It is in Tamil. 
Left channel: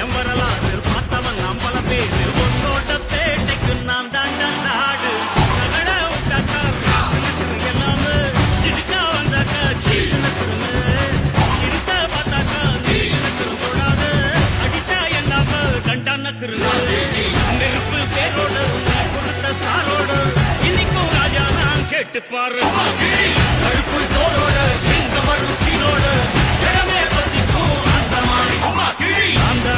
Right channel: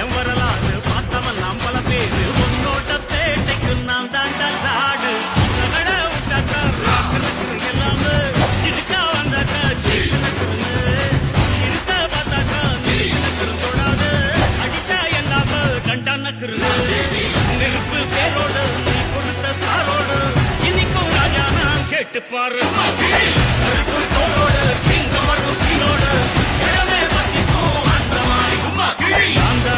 என் வரலாறு பார்த்தவன் நாம் பல பேரு உன்னோட பேட்டைக்கு நான் தாண்டா நாடு நகட விட்டாக்கா ராக்கு நக்குரு எல்லாமே சிடுக்கா வந்தாக்கா சீக்கு நக்குருங்க இருக்க பார்த்தாக்கா நிறுக்கு நக்குரும் தொடாது அடிச்சா எல்லாம கண்டா நக்குருங்க நெருப்பு பேரோடு நீ கொடுத்த ஸ்டாரோடு இன்னைக்கும் ராஜா நான் கேட்டு பாரு கருப்பு தோளோடு சிங்கம் வரும் சீரோடு இடமே பத்திக்கும் அந்த மாதிரி சும்மா கிழி அந்த